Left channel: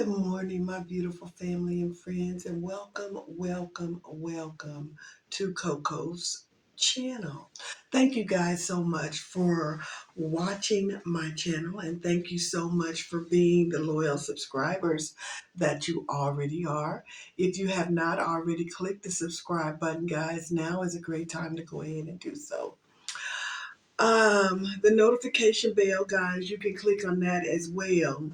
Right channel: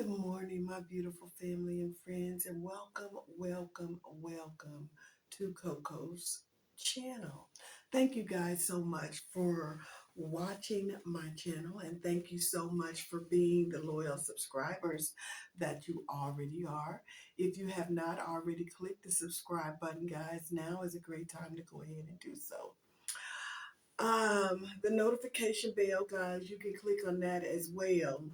Good morning, my beautiful family and friends, and welcome to Coco's channel. Thank you guys so much for watching my channel, and thank you so much for being the loyal subscribers that you already are. If you have not already clicked the subscribe button, guys, now is a great time to go ahead and do so. The notification bell, guys, you can click on that as well.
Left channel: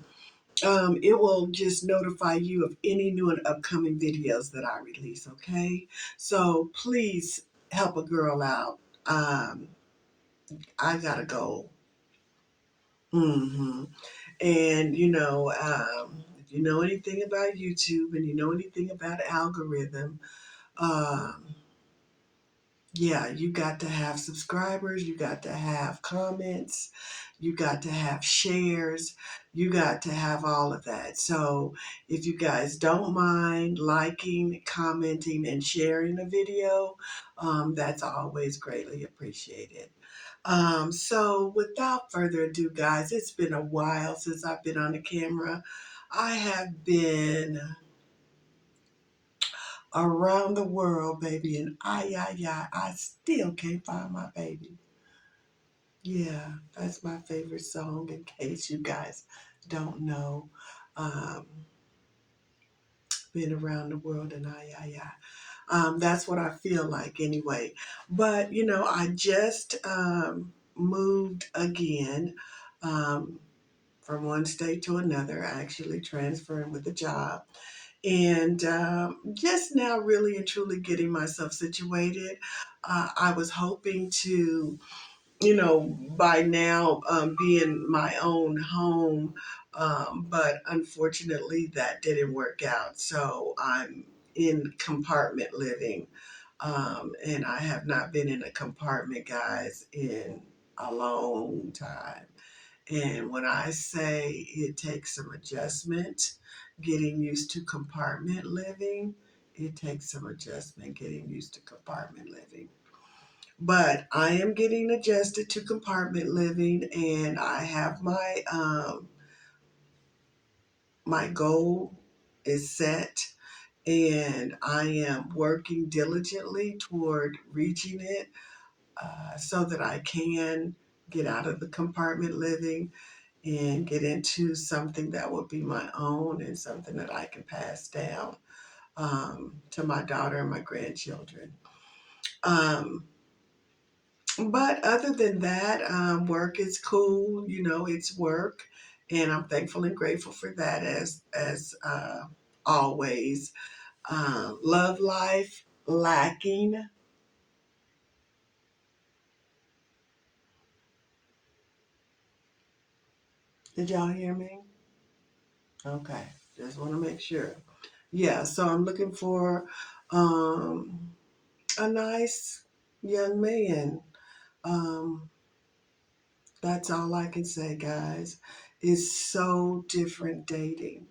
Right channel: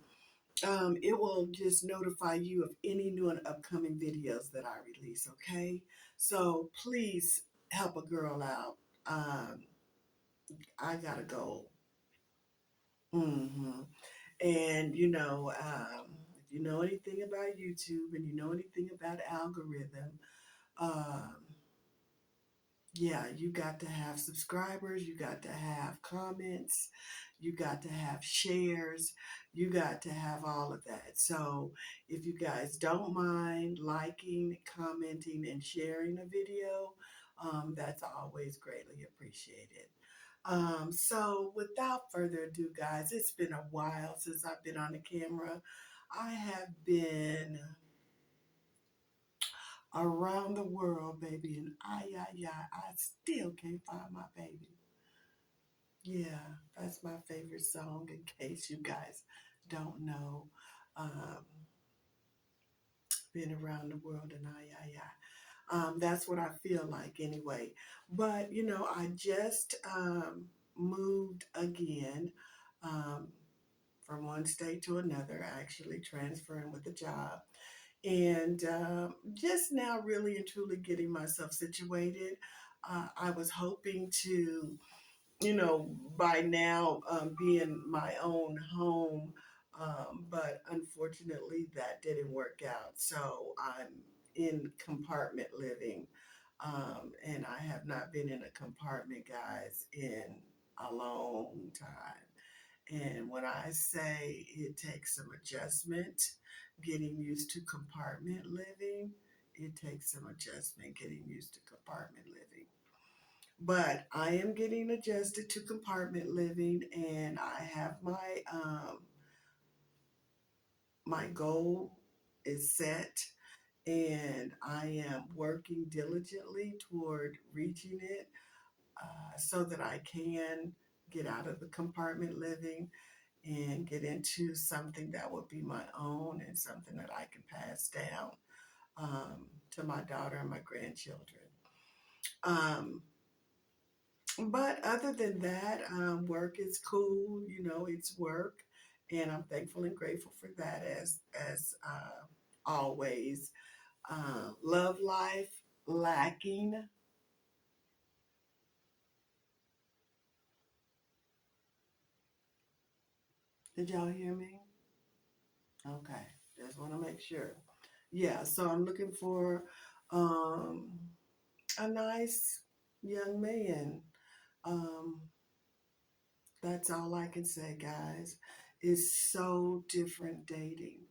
It will just notify you of any new and upcoming videos that I release, okay? So please help a girl out. Um, I gotta go. hmm And, if you know anything about YouTube and you know anything about algorithm, um, yeah, you got to have subscribers, you got to have comments, you got to have shares, you got to have all of that. So if you guys don't mind liking, commenting, and sharing the video, that's always greatly appreciated. So without further ado, guys, it's been a while since I've been on the camera. I have been around the world, baby, and I still can't find my baby. Yeah, that's my favorite song in case you guys don't know. Um, been around the world and that's what I feel like anyway. But, I just moved again um, from one state to another, actually transferring with a job. And just now, really and truly getting myself situated. I was hoping to by now be in my own home. But unfortunately, that didn't work out. So I'm in compartment living. And I have not been in a compartment, guys, in a long time. And when I say it takes some adjustment, getting used to compartment living, it takes some adjustment getting used to compartment living. But I am getting adjusted to compartment living, and I have my goal is set, and I am working diligently toward reaching it, so that I can get out of the compartment living and get into something that will be my own and something that I can pass down to my daughter and my grandchildren. Um, But other than that, work is cool. It's work, and I'm thankful and grateful for that as always. Love life lacking. Did y'all hear me? Okay, just want to make sure. Yeah, so I'm looking for um, a nice young man. Um, that's all I can say, guys. It's so different dating.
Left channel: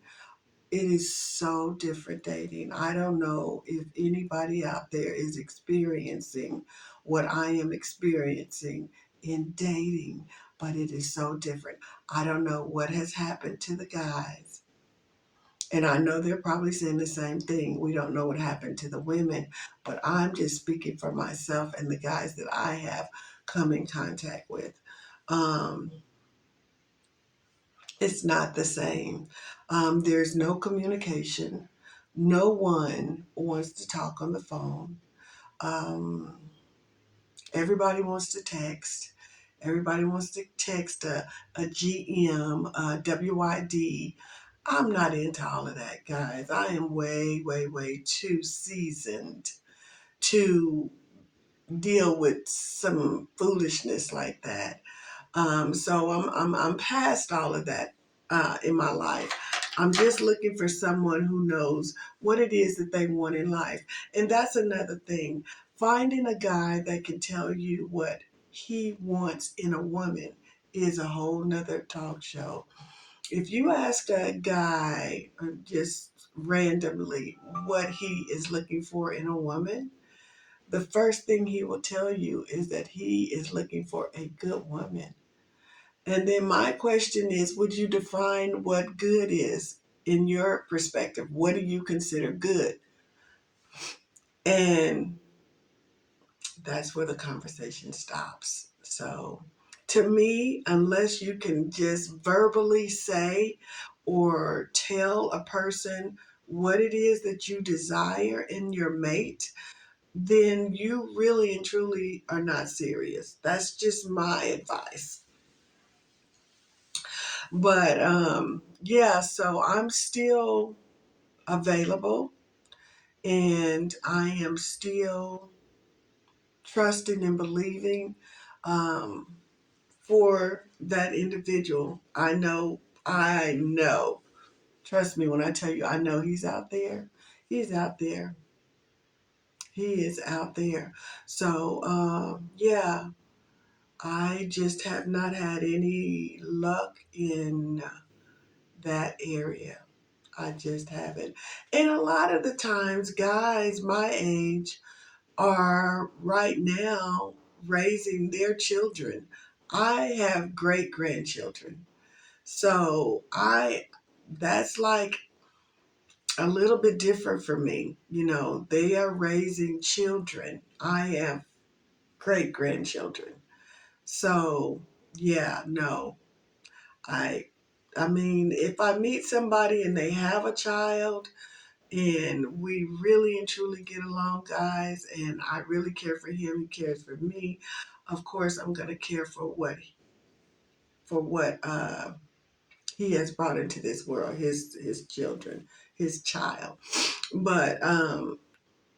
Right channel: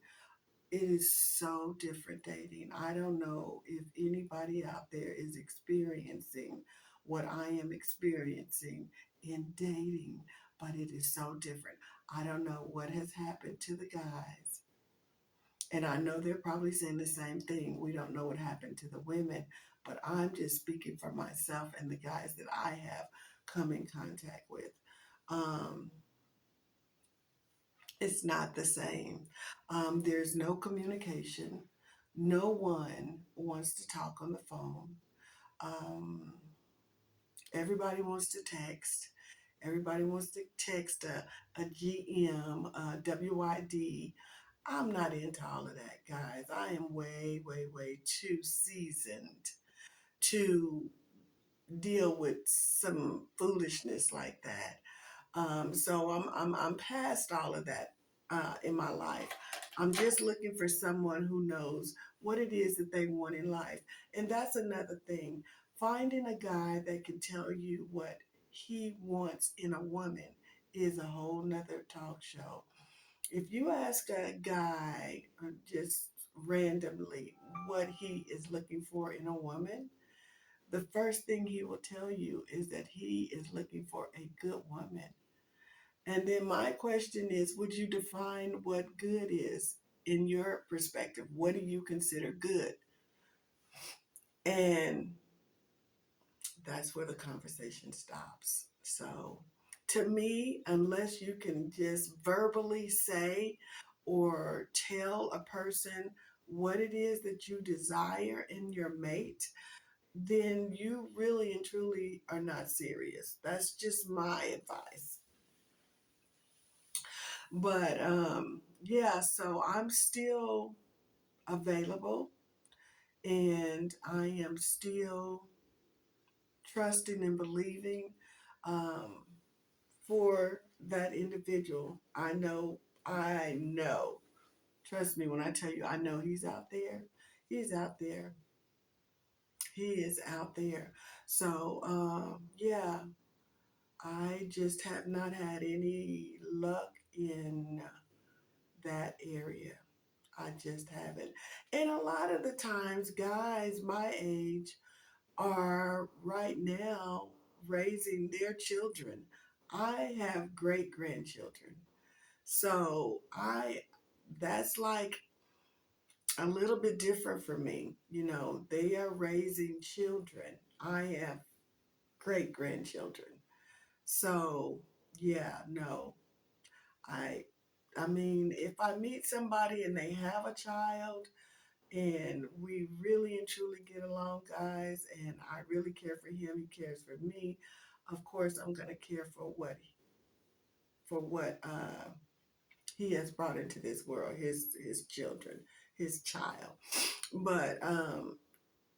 It is so different dating. I don't know if anybody out there is experiencing what I am experiencing in dating, but it is so different. I don't know what has happened to the guys. And I know they're probably saying the same thing. We don't know what happened to the women, but I'm just speaking for myself and the guys that I have come in contact with. Um, It's not the same. There's no communication. No one wants to talk on the phone. Um, Everybody wants to text. Everybody wants to text a GM, a WID. I'm not into all of that, guys. I am way, way, way too seasoned to deal with some foolishness like that. So I'm past all of that in my life. I'm just looking for someone who knows what it is that they want in life. And that's another thing. Finding a guy that can tell you what he wants in a woman is a whole nother talk show. If you ask a guy just randomly what he is looking for in a woman, the first thing he will tell you is that he is looking for a good woman. And then my question is, would you define what good is? in your perspective, what do you consider good? And that's where the conversation stops. So, to me, unless you can just verbally say or tell a person what it is that you desire in your mate, then you really and truly are not serious. That's just my advice. But yeah, so I'm still available and I am still trusting and believing um, for that individual. I know, trust me when I tell you, I know he's out there. He's out there. He is out there. So, yeah, I just have not had any luck in that area. I just haven't. And a lot of the times, guys my age are right now raising their children. I have great grandchildren. So that's like a little bit different for me. You know, they are raising children. I have great grandchildren. So yeah, no, I, I mean, if I meet somebody and they have a child and we really and truly get along, guys, and I really care for him, he cares for me, of course, I'm going to care for what he has brought into this world, his children, his child. But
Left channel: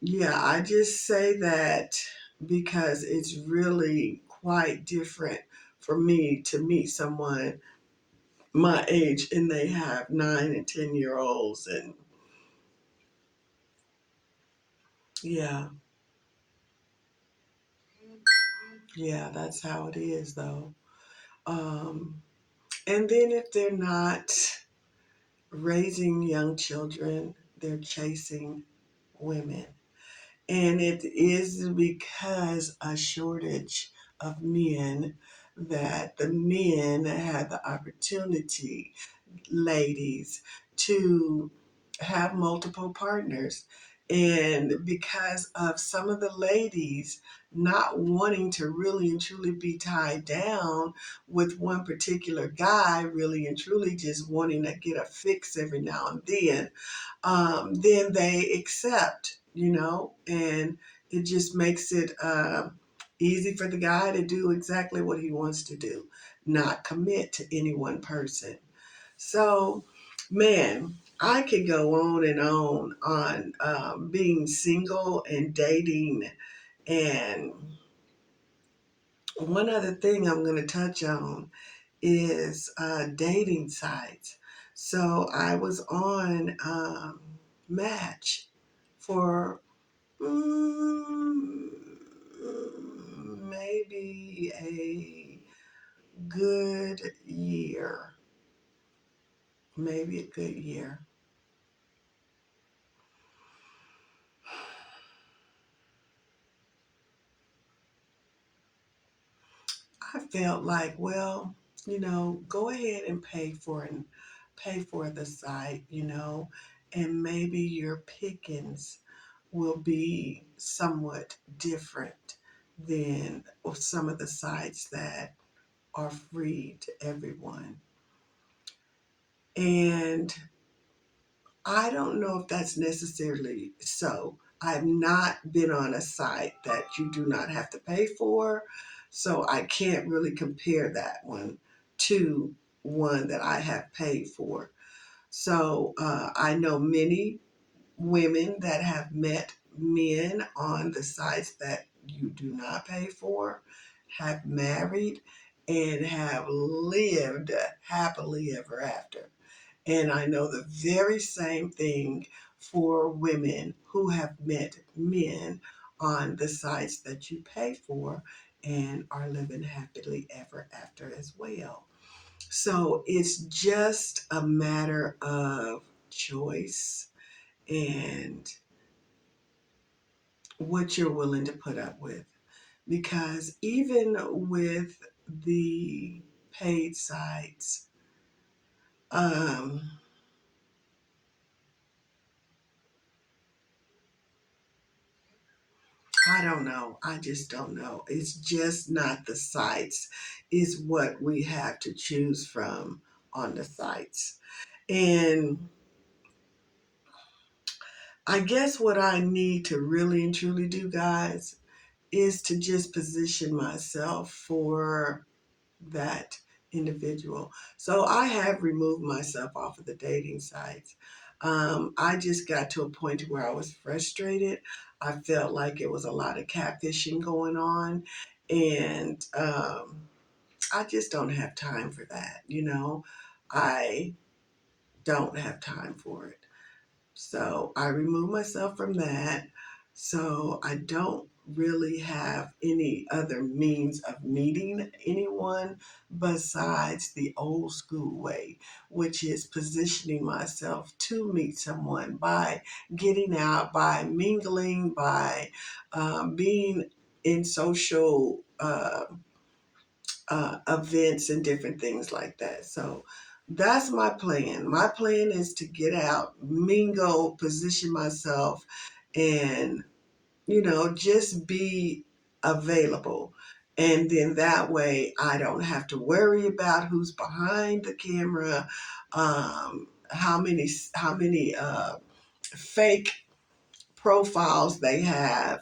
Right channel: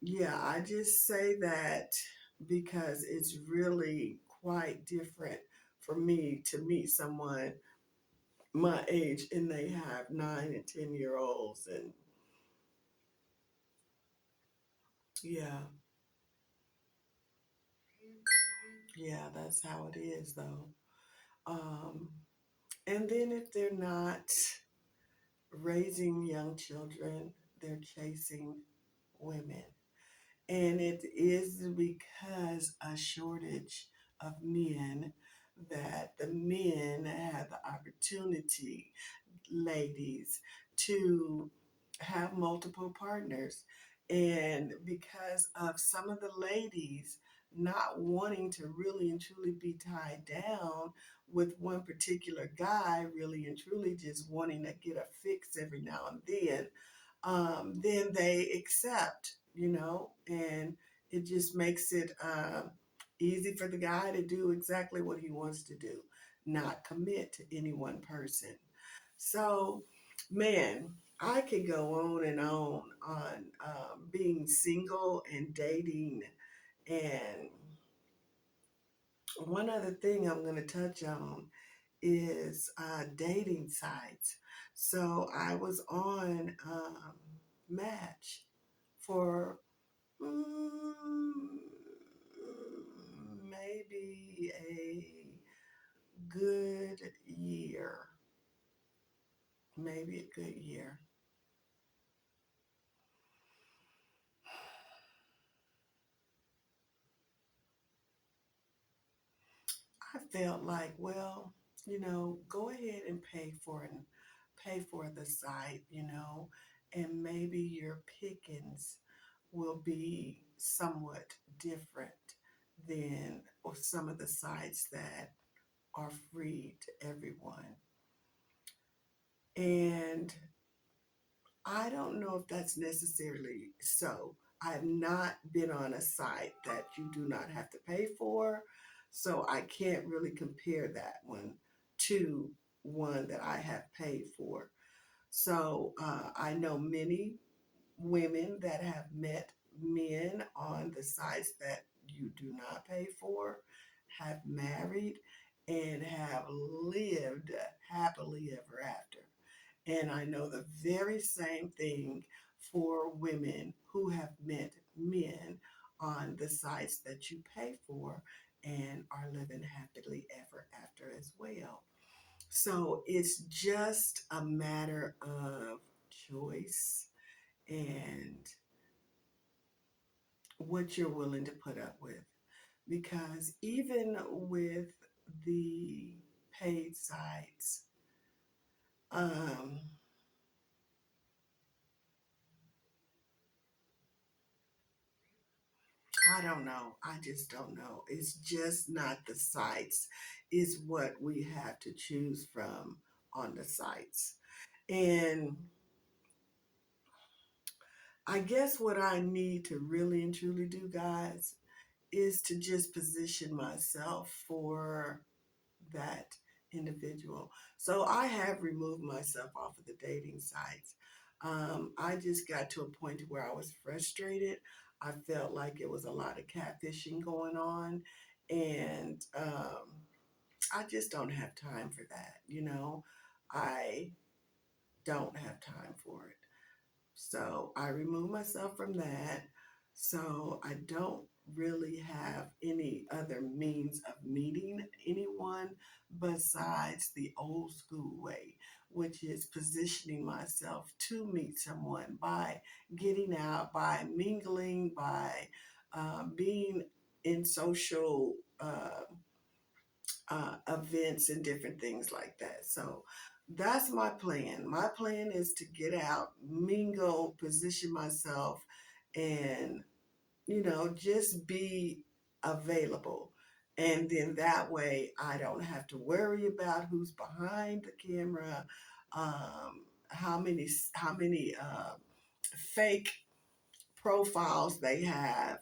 yeah, I just say that because it's really quite different for me to meet someone my age and they have 9 and 10 year olds, and yeah, yeah, that's how it is though. Um, and then if they're not raising young children, they're chasing women. And it is because a shortage of men that the men had the opportunity, ladies, to have multiple partners. And because of some of the ladies not wanting to really and truly be tied down with one particular guy, really and truly just wanting to get a fix every now and then they accept, and it just makes it easy for the guy to do exactly what he wants to do, not commit to any one person. So, man, I could go on being single and dating. And one other thing I'm going to touch on is dating sites. So I was on Match for mm, maybe a good year. Maybe a good year. I felt like, well, go ahead and pay for the site, and maybe your pickings will be somewhat different than some of the sites that are free to everyone. And I don't know if that's necessarily so. I've not been on a site that you do not have to pay for, so I can't really compare that one to one that I have paid for. So I know many women that have met men on the sites that you do not pay for, have married, and have lived happily ever after. And I know the very same thing for women who have met men on the sites that you pay for and are living happily ever after as well. So it's just a matter of choice and what you're willing to put up with. Because even with the paid sites, um, I don't know. I just don't know. It's just not the sites, is what we have to choose from on the sites. And I guess what I need to really and truly do, guys, is to just position myself for that individual. So I have removed myself off of the dating sites. I just got to a point where I was frustrated. I felt like it was a lot of catfishing going on, and I just don't have time for that. I don't have time for it. So I removed myself from that. So I don't really have any other means of meeting anyone besides the old school way, which is positioning myself to meet someone by getting out, by mingling, by being in social events and different things like that. So that's my plan. My plan is to get out, mingle, position myself, and, just be available. And then that way I don't have to worry about who's behind the camera, how many fake profiles they have.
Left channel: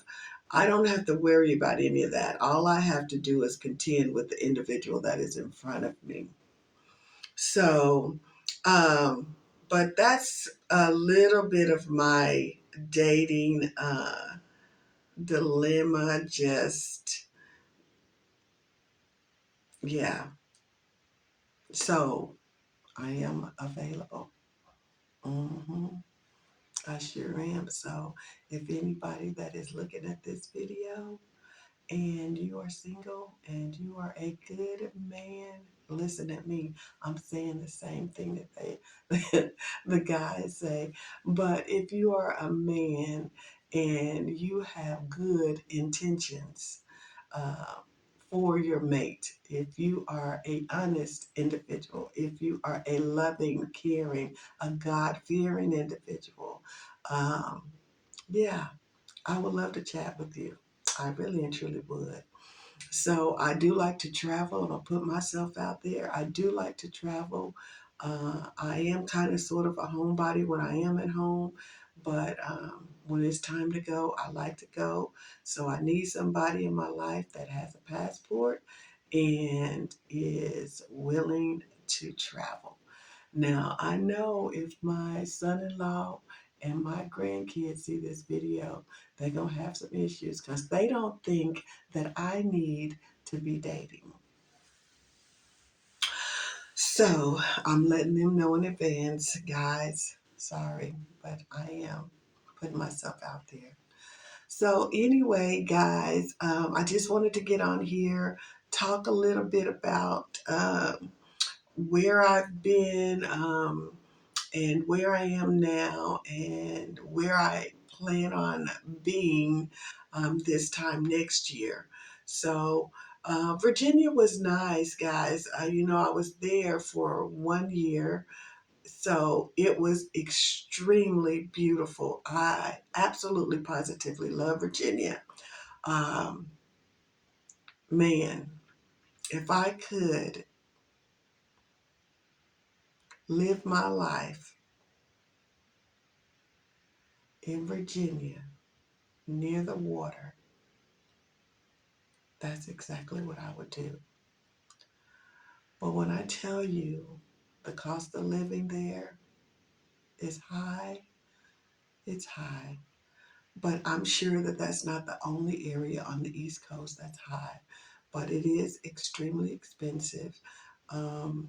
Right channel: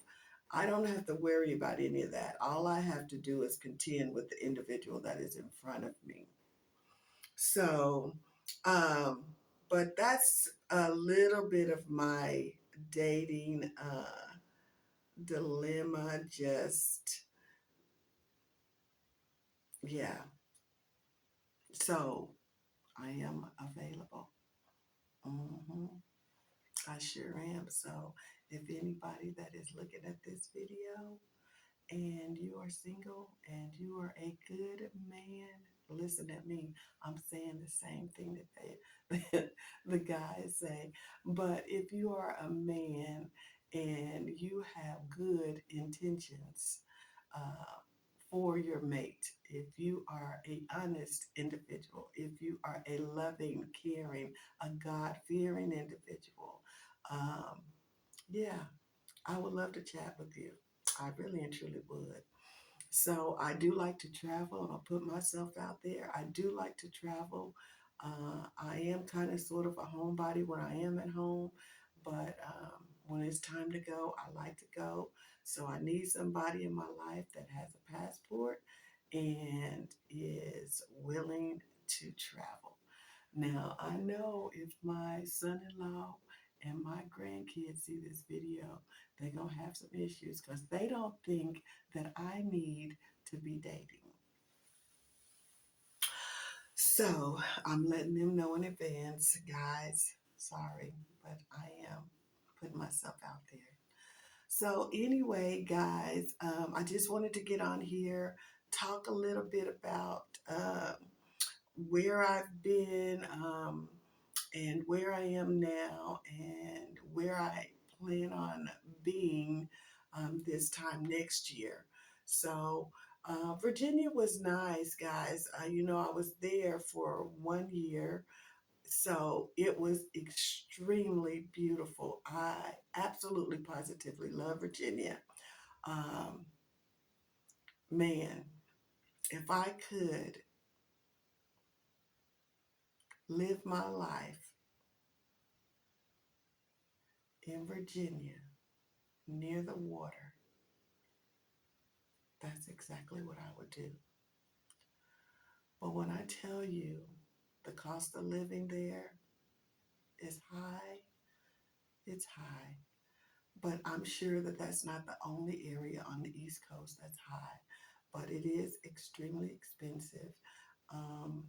I don't have to worry about any of that. All I have to do is contend with the individual that is in front of me. So, um, but that's a little bit of my dating dilemma. Just, yeah. So I am available. hmm I sure am. So if anybody that is looking at this video and you are single and you are a good man, listen at me. I'm saying the same thing that the guys say. But if you are a man and you have good intentions uh, for your mate, if you are a honest individual, if you are a loving, caring, a God-fearing individual, um, yeah, I would love to chat with you. I really and truly would. So I do like to travel and I'll put myself out there. I do like to travel. I am kind of sort of a homebody when I am at home, but when it's time to go, I like to go. So I need somebody in my life that has a passport and is willing to travel. Now, I know if my son in law and my grandkids see this video, they're going to have some issues because they don't think that I need to be dating. So I'm letting them know in advance, guys, sorry, but I am putting myself out there. So, anyway, guys, I just wanted to get on here, talk a little bit about where I've been. And where I am now and where I plan on being this time next year. So, Virginia was nice, guys. I was there for 1 year. So it was extremely beautiful. I absolutely positively love Virginia. Um, Man, if I could live my life in Virginia near the water, that's exactly what I would do. But when I tell you the cost of living there is high, it's high. But I'm sure that that's not the only area on the East Coast that's high, but it is extremely expensive. Um,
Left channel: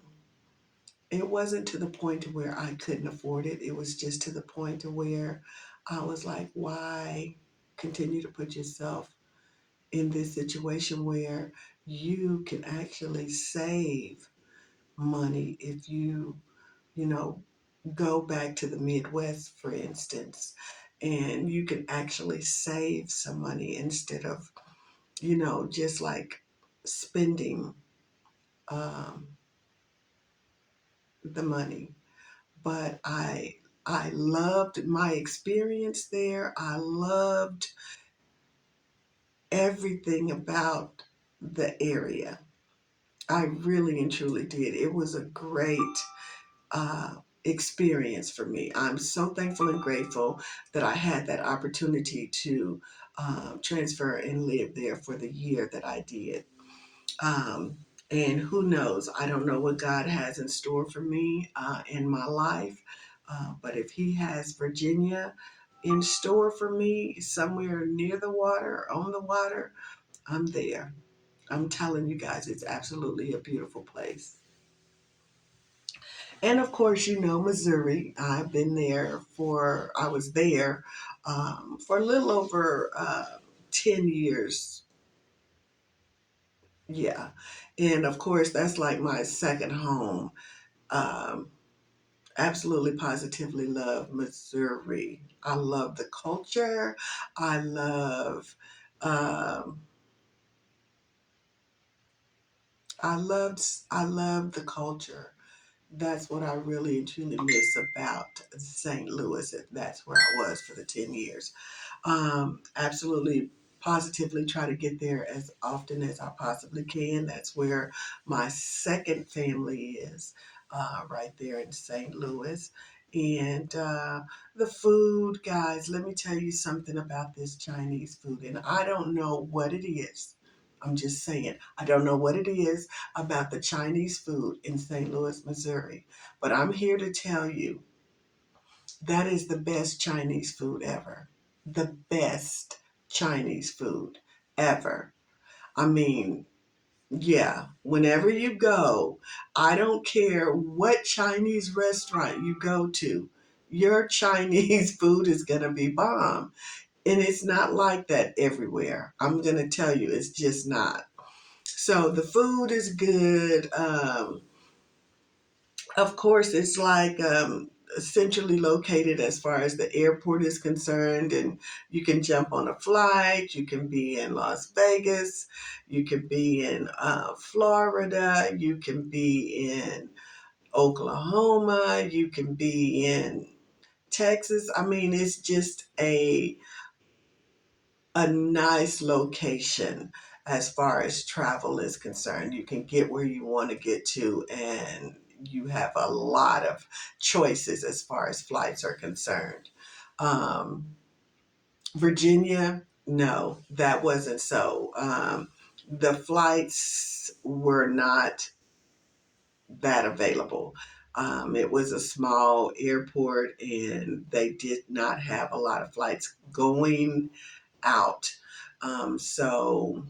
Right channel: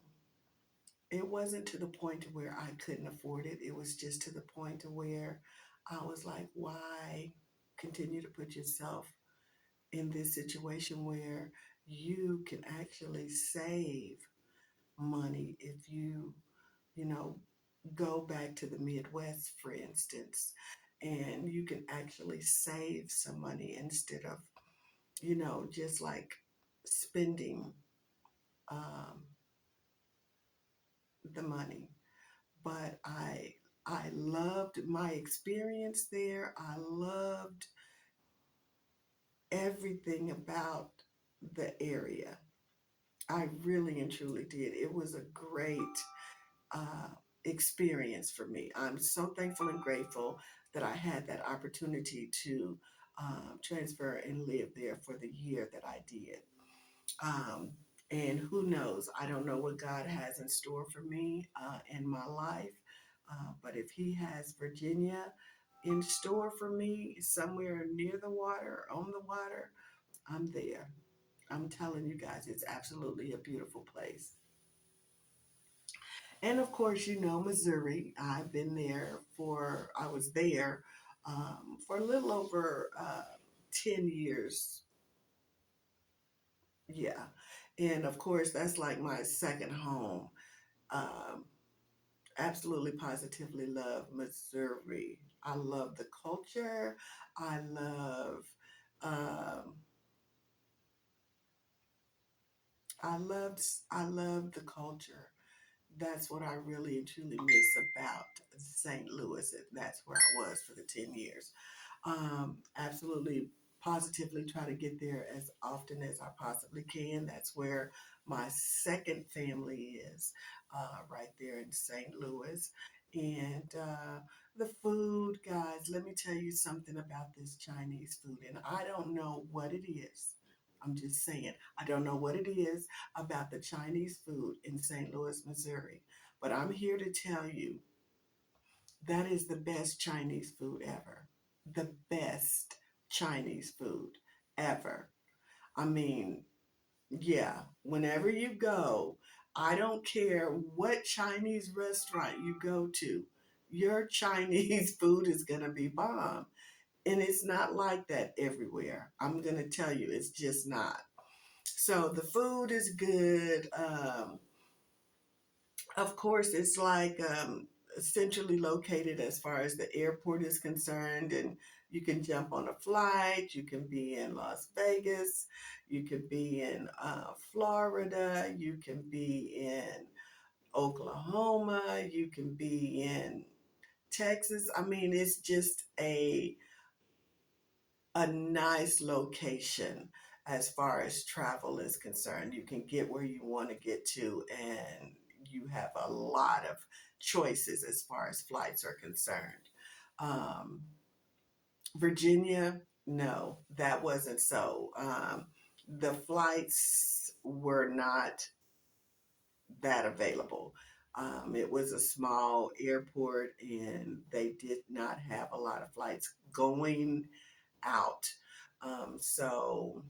it wasn't to the point to where I couldn't afford it. It was just to the point to where I was like, why continue to put yourself in this situation where you can actually save money if you know, go back to the Midwest, for instance, and you can actually save some money instead of, just like spending um, the money. But I loved my experience there. I loved everything about the area. I really and truly did. It was a great uh, experience for me. I'm so thankful and grateful that I had that opportunity to transfer and live there for the year that I did. Um, and who knows? I don't know what God has in store for me in my life. But if He has Virginia in store for me somewhere near the water, on the water, I'm there. I'm telling you guys, it's absolutely a beautiful place. And of course, you know, Missouri. I was there for a little over 10 years. Yeah. And of course, that's like my second home. Um, Absolutely, positively love Missouri. I love the culture. I love, um, I love the culture. That's what I really and truly miss about St. Louis. That's where I was for the 10 years. Absolutely, positively try to get there as often as I possibly can. That's where my second family is, right there in St. Louis. And the food, guys, let me tell you something about this Chinese food. And I don't know what it is. I'm just saying, I don't know what it is about the Chinese food in St. Louis, Missouri. But I'm here to tell you that is the best Chinese food ever. The best Chinese food ever. I mean, yeah, whenever you go, I don't care what Chinese restaurant you go to, your Chinese food is going to be bomb. And it's not like that everywhere. I'm going to tell you, it's just not. So the food is good. Of course, it's like centrally located as far as the airport is concerned, and you can jump on a flight. You can be in Las Vegas, you can be in Florida, you can be in Oklahoma, you can be in Texas. I mean, it's just a nice location as far as travel is concerned. You can get where you want to get to, and you have a lot of choices as far as flights are concerned. Um, Virginia, no, that wasn't so. The flights were not that available. It was a small airport, and they did not have a lot of flights going out. So,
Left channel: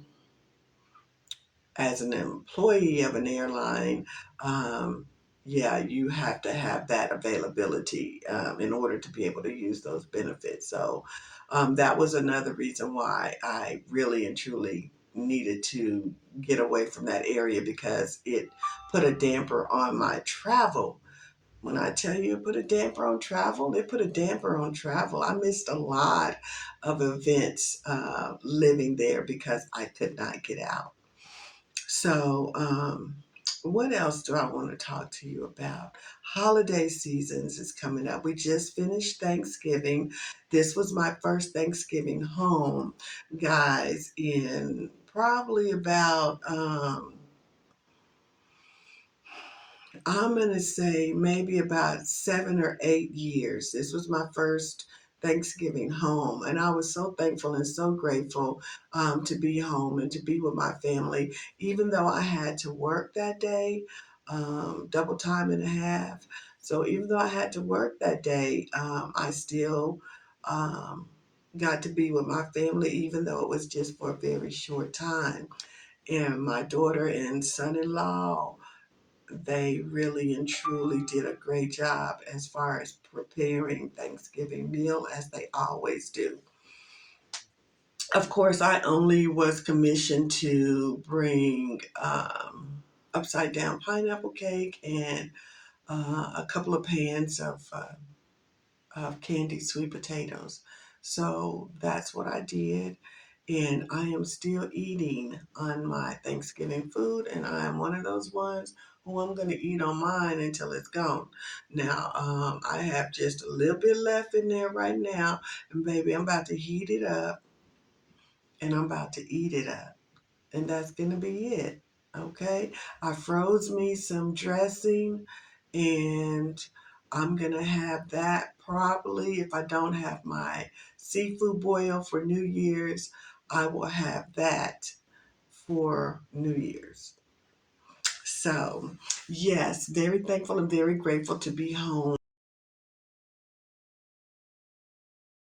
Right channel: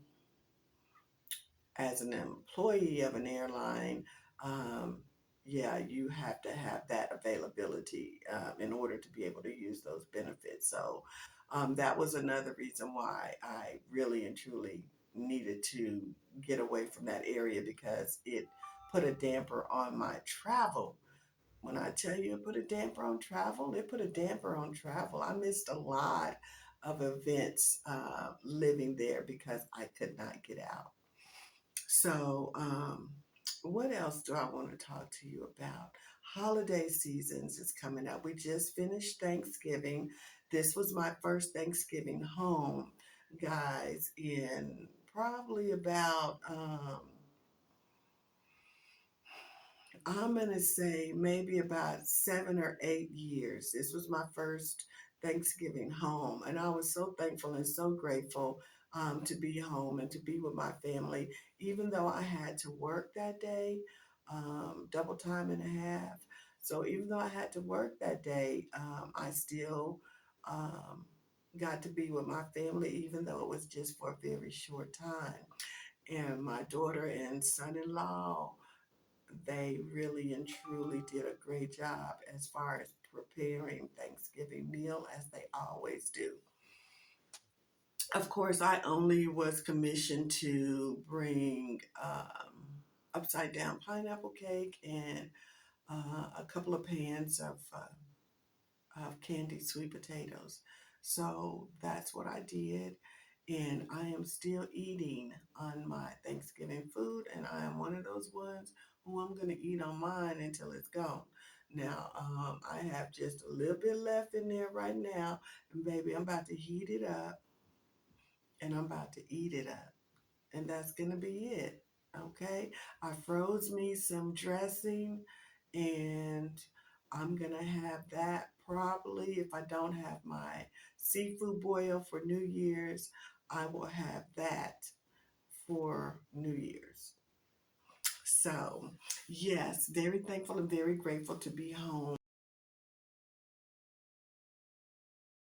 as an employee of an airline, um, yeah, you have to have that availability in order to be able to use those benefits. So, that was another reason why I really and truly needed to get away from that area because it put a damper on my travel. When I tell you it put a damper on travel, it put a damper on travel. I missed a lot of events living there because I could not get out. So, what else do I want to talk to you about? Holiday seasons is coming up. We just finished Thanksgiving. This was my first Thanksgiving home, guys, in probably about I'm going to say maybe about 7 or 8 years. This was my first Thanksgiving home, and I was so thankful and so grateful to be home and to be with my family, even though I had to work that day, double time and a half. So even though I had to work that day, I still um, got to be with my family, even though it was just for a very short time. And my daughter and son-in-law, they really and truly did a great job as far as preparing Thanksgiving meal as they always do. Of course, I only was commissioned to bring upside down pineapple cake and a couple of pans of candied sweet potatoes. So that's what I did. And I am still eating on my Thanksgiving food. And I am one of those ones who I'm going to eat on mine until it's gone. Now, I have just a little bit left in there right now. And baby, I'm about to heat it up. and I'm about to eat it up. And that's going to be it. Okay. I froze me some dressing, and I'm going to have that probably. If I don't have my seafood boil for New Year's, I will have that for New Year's. So, yes, very thankful and very grateful to be home.